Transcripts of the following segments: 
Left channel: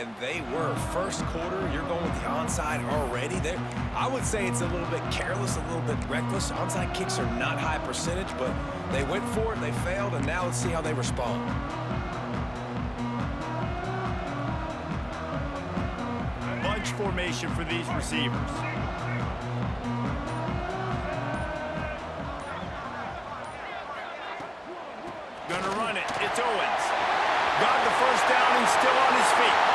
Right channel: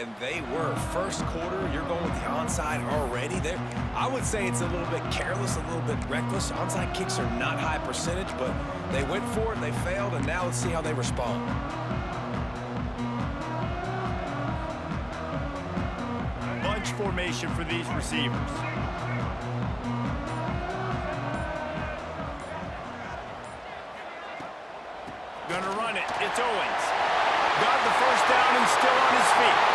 And they were. First quarter, you're going with the onside already. There, I would say it's a little bit careless, a little bit reckless. Onside kicks are not high percentage, but they went for it, they failed, and now let's see how they respond. Bunch formation for these receivers. Gonna run it. It's Owens. Got the first down and still on his feet.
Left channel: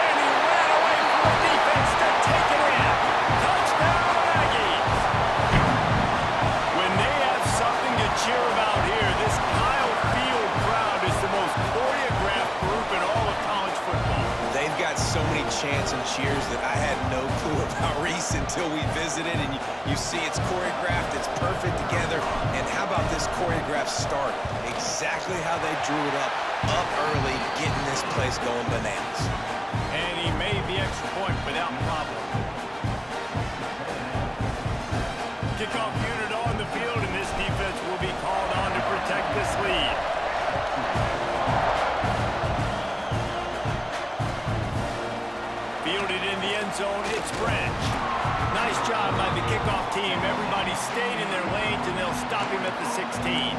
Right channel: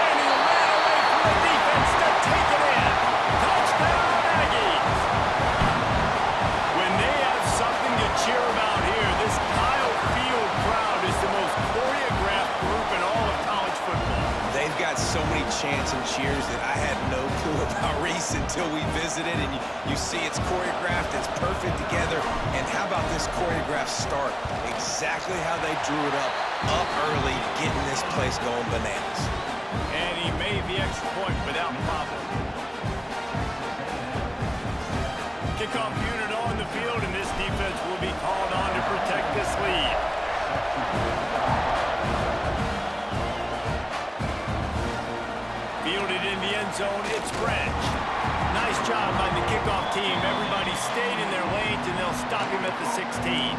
And he ran away from the defense to take it in. Touchdown, Aggies. When they have something to cheer about here, this Kyle Field crowd is the most choreographed group in all of college football. They've got so many chants and cheers that I had no clue about Reese until we visited, and you see it's choreographed, it's perfect together. And how about this choreographed start? Exactly how they drew it up early, getting this place going bananas. And he made the extra point without problem. Kickoff unit on the field, and this defense will be called on to protect this lead. Fielded in the end zone, it's Branch. Nice job by the kickoff team. Everybody stayed in their lanes, and they'll stop him at the 16.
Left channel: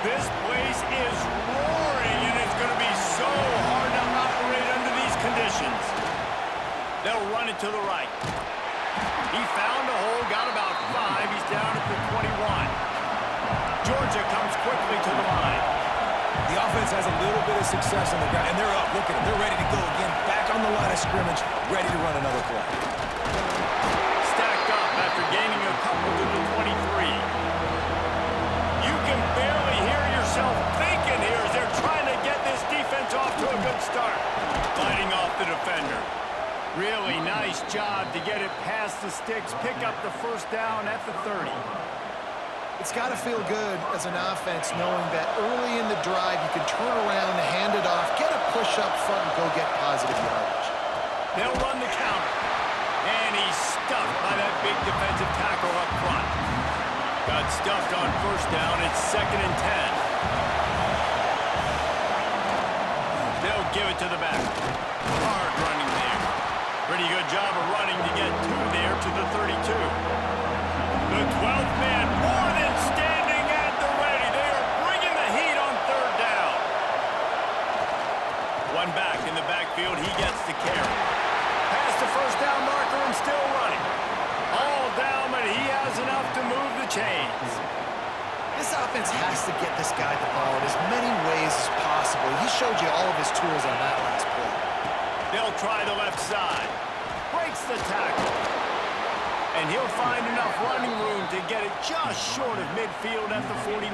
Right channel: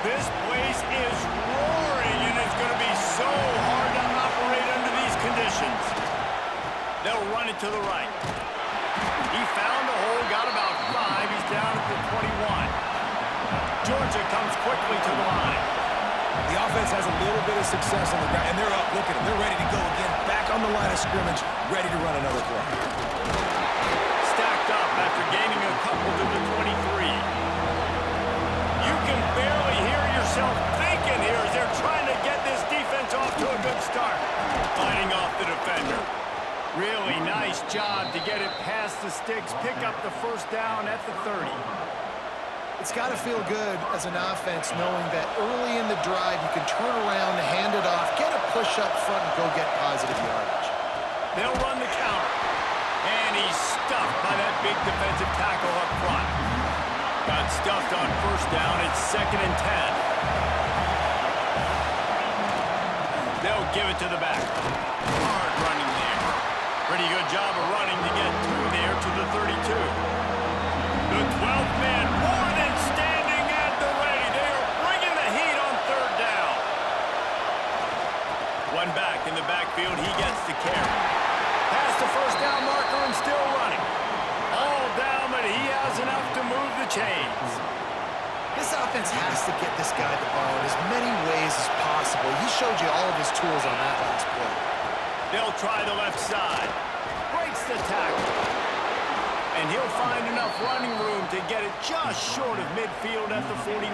This place is roaring, and it's going to be so hard to operate under these conditions. They'll run it to the right. He found a hole, got about 5. He's down at the 21. Georgia comes quickly to the line. The offense has a little bit of success on the ground, and they're up. Look at them. They're ready to go again. Back on the line of scrimmage, ready to run another play. Stacked up after gaining a couple to the 23. You can barely hear yourself thinking here as they're trying to get this defense off to a good start. Fighting off the defender. Really nice job to get it past the sticks, pick up the first down at the 30. It's got to feel good as an offense knowing that early in the drive you can turn around, hand it off, get a push up front, and go get positive yardage. They'll run the counter. And he's stuffed by that big defensive tackle up front. Got stuffed on first down. It's 2nd and 10. They'll give it to the back. Hard running there. Pretty good job of running to get 2 there to the 32. The 12th man more than standing at the ready. They are bringing the heat on 3rd down. One back in the backfield. He gets the carry. Past the first down marker and still running. All down, but he has enough to move the chains. This offense has to get this guy the ball in as many ways as possible. He showed you all of his tools on that last play. They'll try the left side. Breaks the tackle. And he'll find enough running room to get it just short of midfield at the 49.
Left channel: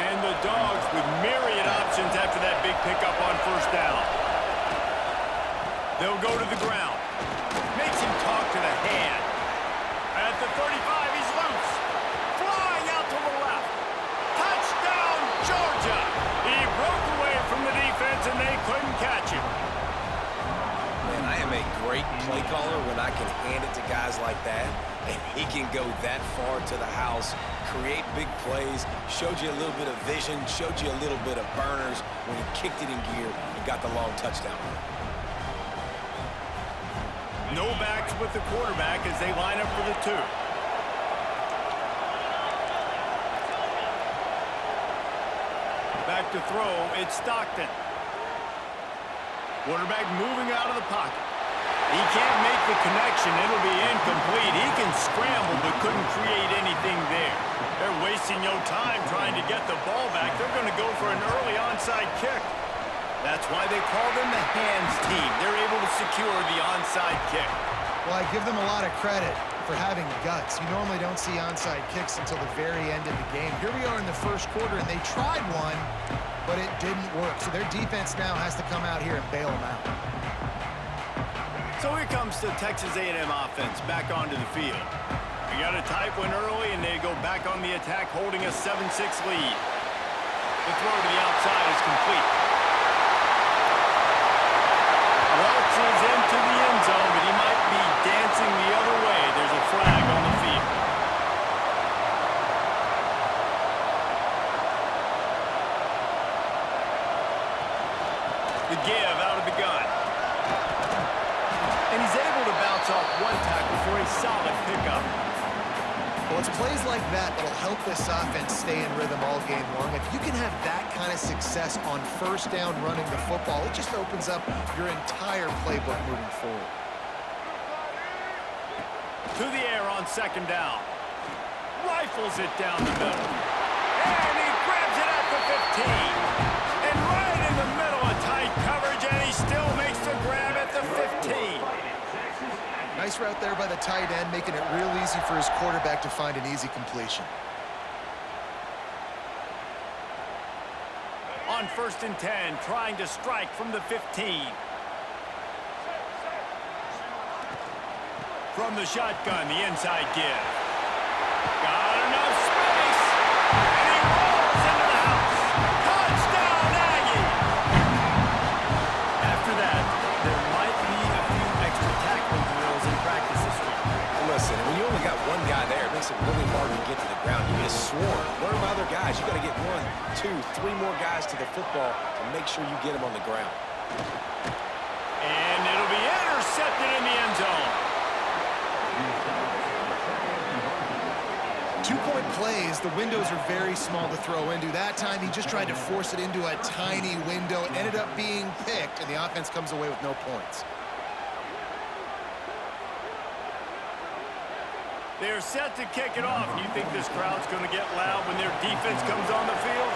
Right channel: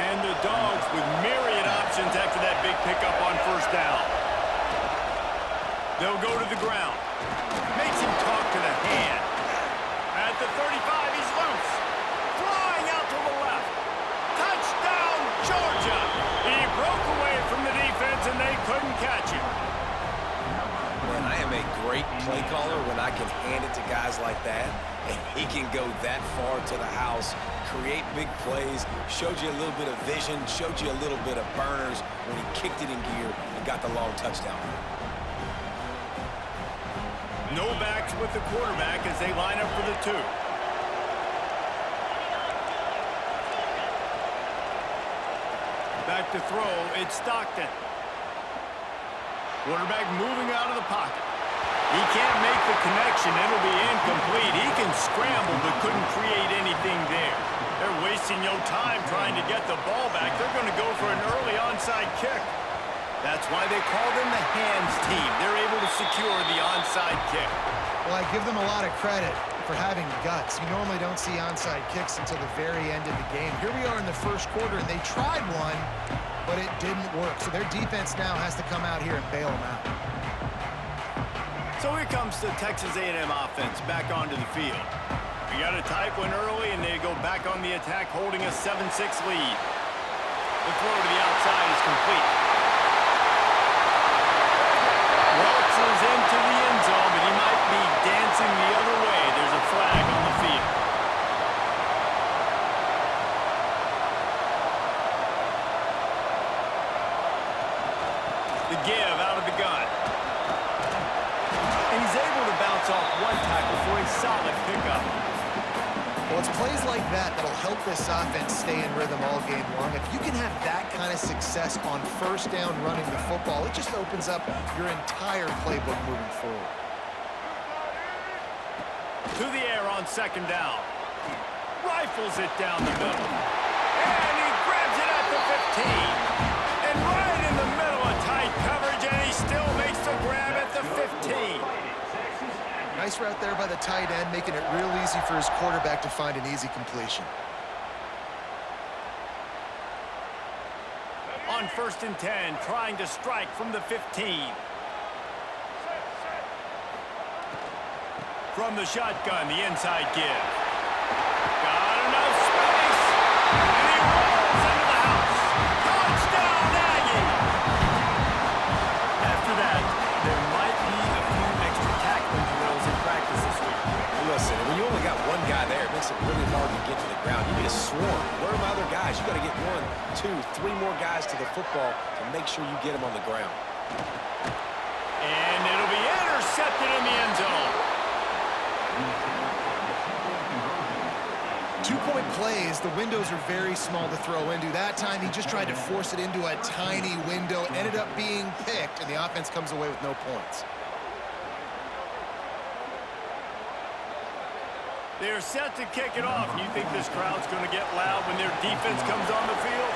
And the Dogs with myriad options after that big pickup on first down. They'll go to the ground. Makes him talk to the hand. At the 35, he's loose. Flying out to the left. Touchdown, Georgia! He broke away from the defense, and they couldn't catch him. Man, I am a great play caller when I can hand it to guys like that, and he can go that far to the house, create big plays, showed you a little bit of vision, showed you a little bit of burners when he kicked it in gear and got the long touchdown run. No backs with the quarterback as they line up for the 2. Back to throw, it's Stockton. Quarterback moving out of the pocket. He can't make the connection. It'll be incomplete. He can scramble but couldn't create anything there. They're wasting no time trying to get the ball back. They're going to go for an early onside kick. That's why they call them the hands team. They're able to secure the onside kick. Well, I give them a lot of credit for having guts. You normally don't see onside kicks until the very end of the game. Here we are in the first quarter, and they tried one, but it didn't work. So their defense now has to come out here and bail them out. So here comes the Texas A&M offense back onto the field. We got a tight one early, and they go back on the attack, holding a 7-6 lead. The throw to the outside is complete. Welch is into the end zone, but he might be dancing the other way. There's a flag on the field. The give out of the gun. And he's able to bounce off one tackle for a solid pickup. Well, it's plays like that that'll help this offense stay in rhythm all game long. If you can have that kind of success on first down running the football, it just opens up your entire playbook moving forward. To the air on second down. Rifles it down the middle. And he grabs it at the 15. And right in the middle of tight coverage, and he still makes the grab at the 15. Nice route there by the tight end, making it real easy for his quarterback to find an easy completion. On 1st and 10, trying to strike from the 15. From the shotgun, the inside give. Got enough space, and he rolls into the house. Touchdown, Aggies! After that, there might be a few extra tackling drills in practice this week. Listen, when you only got one guy there, it makes it really hard to get to the ground. You need a swarm. Where are my other guys? You got to get 1, 2, 3 more guys to the football to make sure you get them on the ground. And it'll be intercepted in the end zone. 2-point plays, the windows are very small to throw into. That time, he just tried to force it into a tiny window, ended up being picked, and the offense comes away with no points. They're set to kick it off. You think this crowd's going to get loud when their defense comes on the field?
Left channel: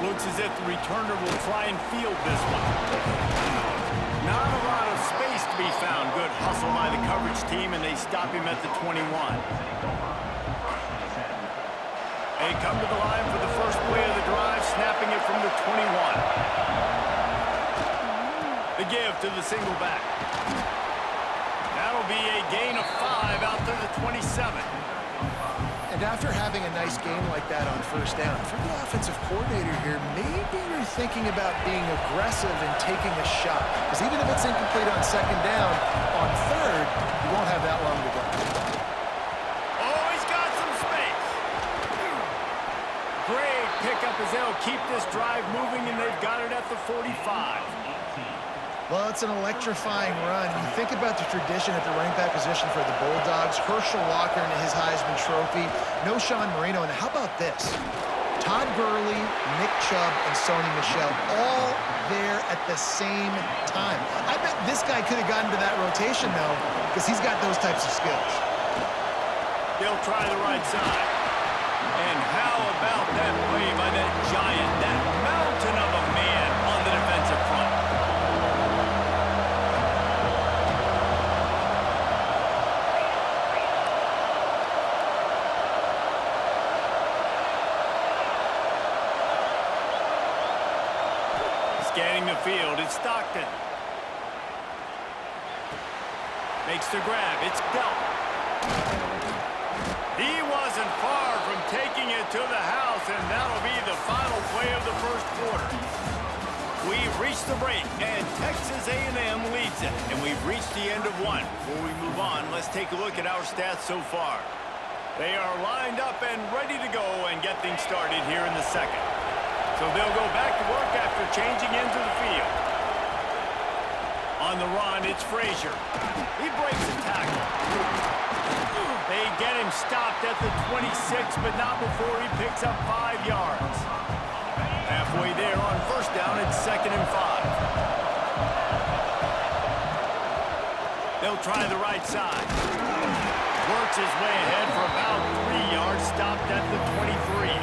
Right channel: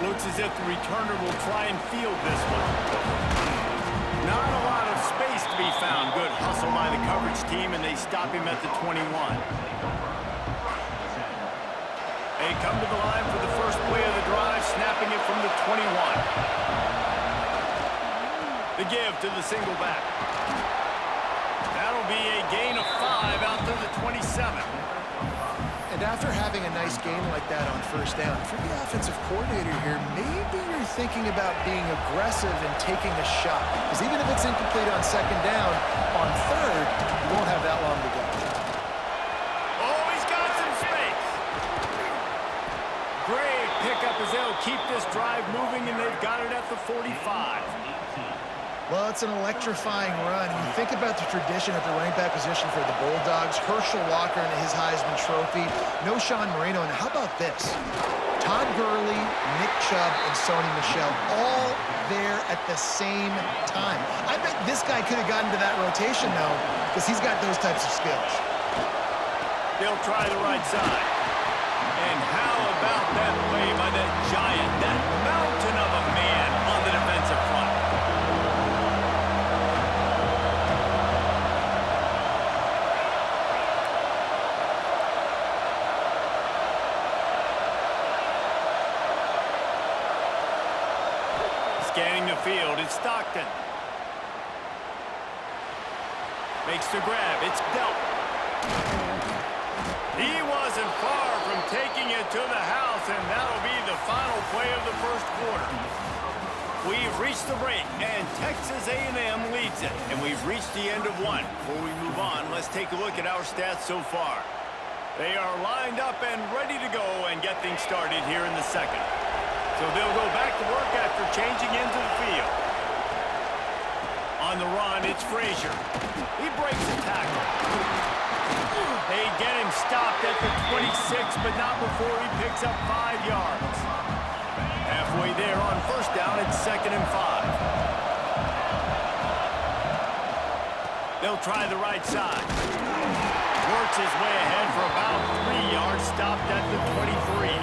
Looks as if the returner will try and field this one. Not a lot of space to be found. Good hustle by the coverage team, and they stop him at the 21. They come to the line for the first play of the drive, snapping it from the 21. The give to the single back. That'll be a gain of 5 out to the 27. And after having a nice game like that on first down, if you're the offensive coordinator here, maybe you're thinking about being aggressive and taking a shot. Because even if it's incomplete on second down, on third, you won't have that long to go. Oh, he's got some space. Great pickup as they'll keep this drive moving, and they've got it at the 45. Well, it's an electrifying run. You think about the tradition at the running back position for the Bulldogs. Herschel Walker and his Heisman Trophy. No Sean Marino. And how about this? Todd Gurley, Nick Chubb, and Sony Michel all there at the same time. I bet this guy could have gotten to that rotation, though, because he's got those types of skills. They'll try the right side. And how about that play by that giant, that mountain of a man on the defensive front? Scanning the field, it's Stockton. Makes the grab, it's dealt. He wasn't far from taking it to the house, and that'll be the final play of the first quarter. We've reached the break, and Texas A&M leads it. And we've reached the end of one. Before we move on, let's take a look at our stats so far. They are lined up and ready to go and get things started here in the second. So they'll go back to work after changing into the field. On the run, it's Frazier. He breaks a tackle. They get him stopped at the 26, but not before he picks up 5 yards. Halfway there on first down, it's 2nd and 5. They'll try the right side. Works his way ahead for about 3 yards, stopped at the 23.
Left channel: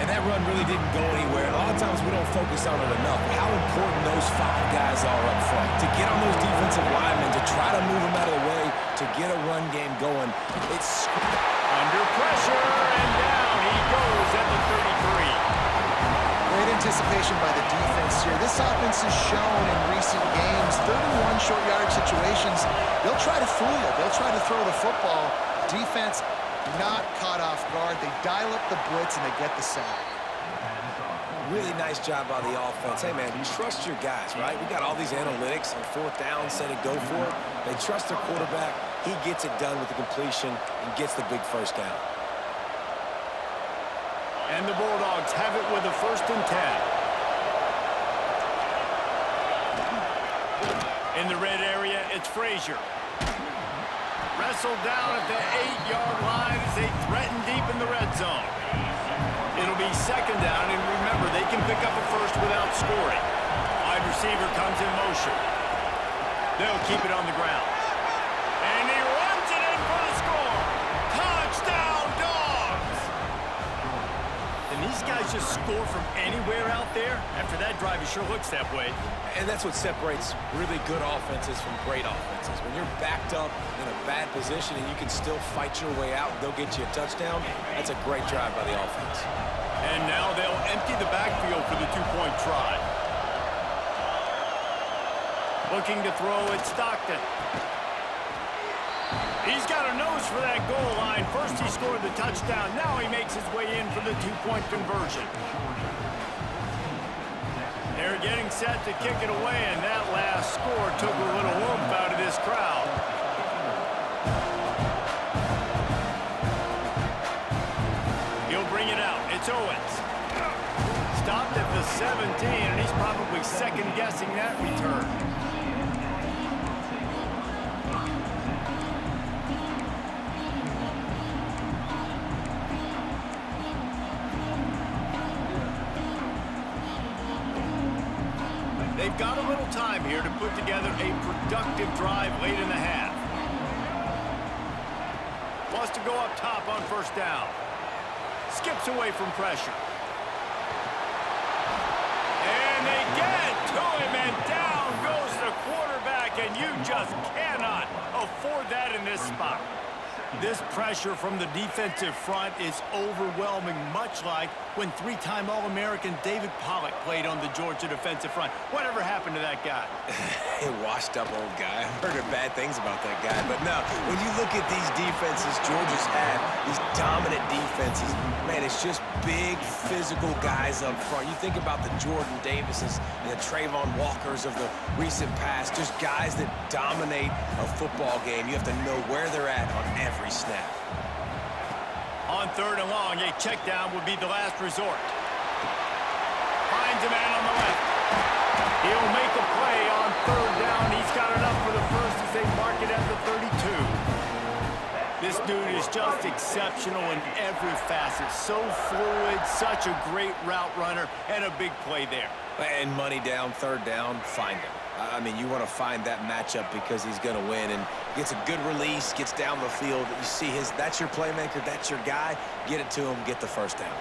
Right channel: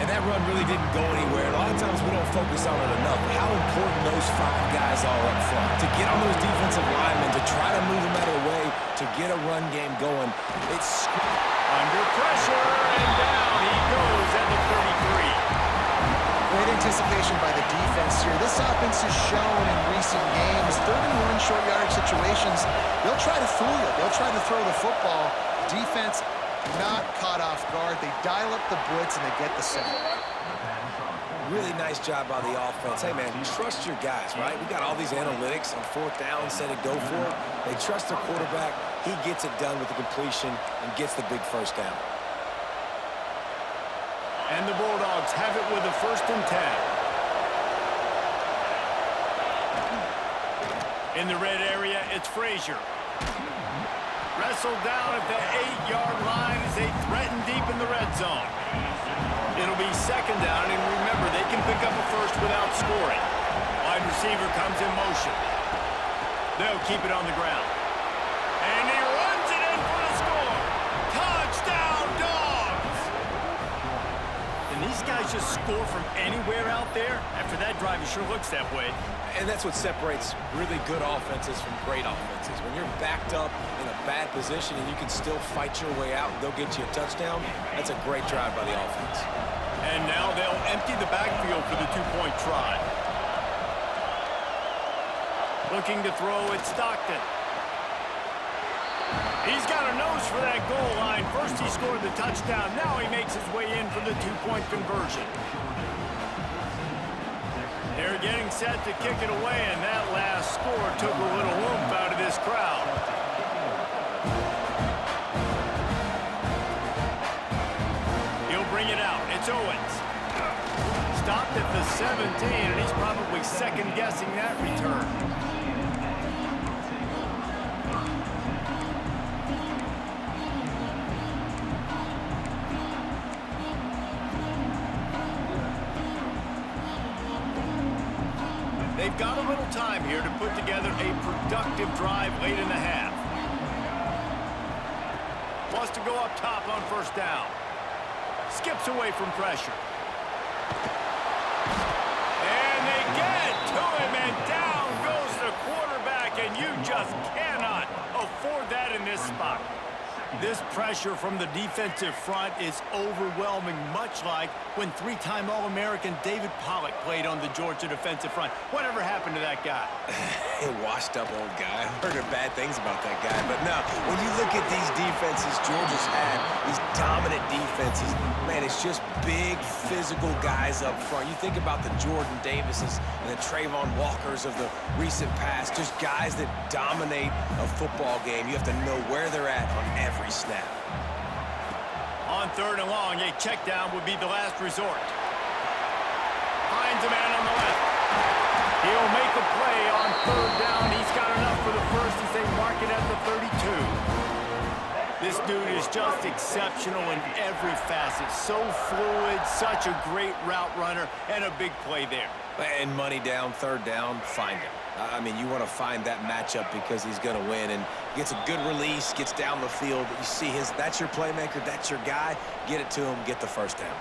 And that run really didn't go anywhere. And a lot of times we don't focus on it enough. How important those 5 guys are up front. To get on those defensive linemen, to try to move them out of the way, to get a run game going. It's under pressure, and down he goes at the 33. Great anticipation by the defense here. This offense has shown in recent games, 3rd and 1 short yardage situations, they'll try to fool you. They'll try to throw the football. Defense not caught off guard. They dial up the blitz, and they get the sack. Really nice job by the offense. Hey, man, trust your guys, right? We got all these analytics on fourth down, set it, go for it. They trust their quarterback. He gets it done with the completion and gets the big first down. And the Bulldogs have it with a 1st and 10. In the red area, it's Frazier. Wrestled down at the 8-yard line as they threaten deep in the red zone. It'll be 2nd down, and remember, they can pick up a first without scoring. Wide receiver comes in motion. They'll keep it on the ground. And he runs it in for the score. Touchdown, Dogs! And these guys just score from anywhere out there? After that drive, it sure looks that way. And that's what separates really good offenses from great offenses. When you're backed up in a bad position and you can still fight your way out and go get you a touchdown, that's a great drive by the offense. And now they'll empty the backfield for the 2-point try. Looking to throw at Stockton. He's got a nose for that goal line. First he scored the touchdown. Now he makes his way in for the 2-point conversion. They're getting set to kick it away, and that last score took a little oomph out of this crowd. He'll bring it out. It's Owens. Stopped at the 17, and he's probably second-guessing that return. They've got a little time here to put together a productive drive late in the half. Wants to go up top on 1st down. Skips away from pressure. And they get to him, and down goes the quarterback, and you just cannot afford that in this spot. This pressure from the defensive front is overwhelming, much like when 3-time All-American David Pollock played on the Georgia defensive front. Whatever happened to that guy? A washed-up old guy. I've heard bad things about that guy. But no, when you look at these defenses Georgia's had, these dominant defenses, man, it's just big, physical guys up front. You think about the Jordan Davises and the Trayvon Walkers of the recent past, just guys that dominate a football game. You have to know where they're at on every snap. On 3rd and long, a check down would be the last resort. Finds a man on the left. He'll make a play on 3rd down. He's got enough for the first as they mark it at the 32. This dude is just exceptional in every facet. So fluid, such a great route runner, and a big play there. And money down, 3rd down, find him. I mean, you want to find that matchup because he's going to win, and gets a good release, gets down the field. You see that's your playmaker, that's your guy. Get it to him, get the 1st down.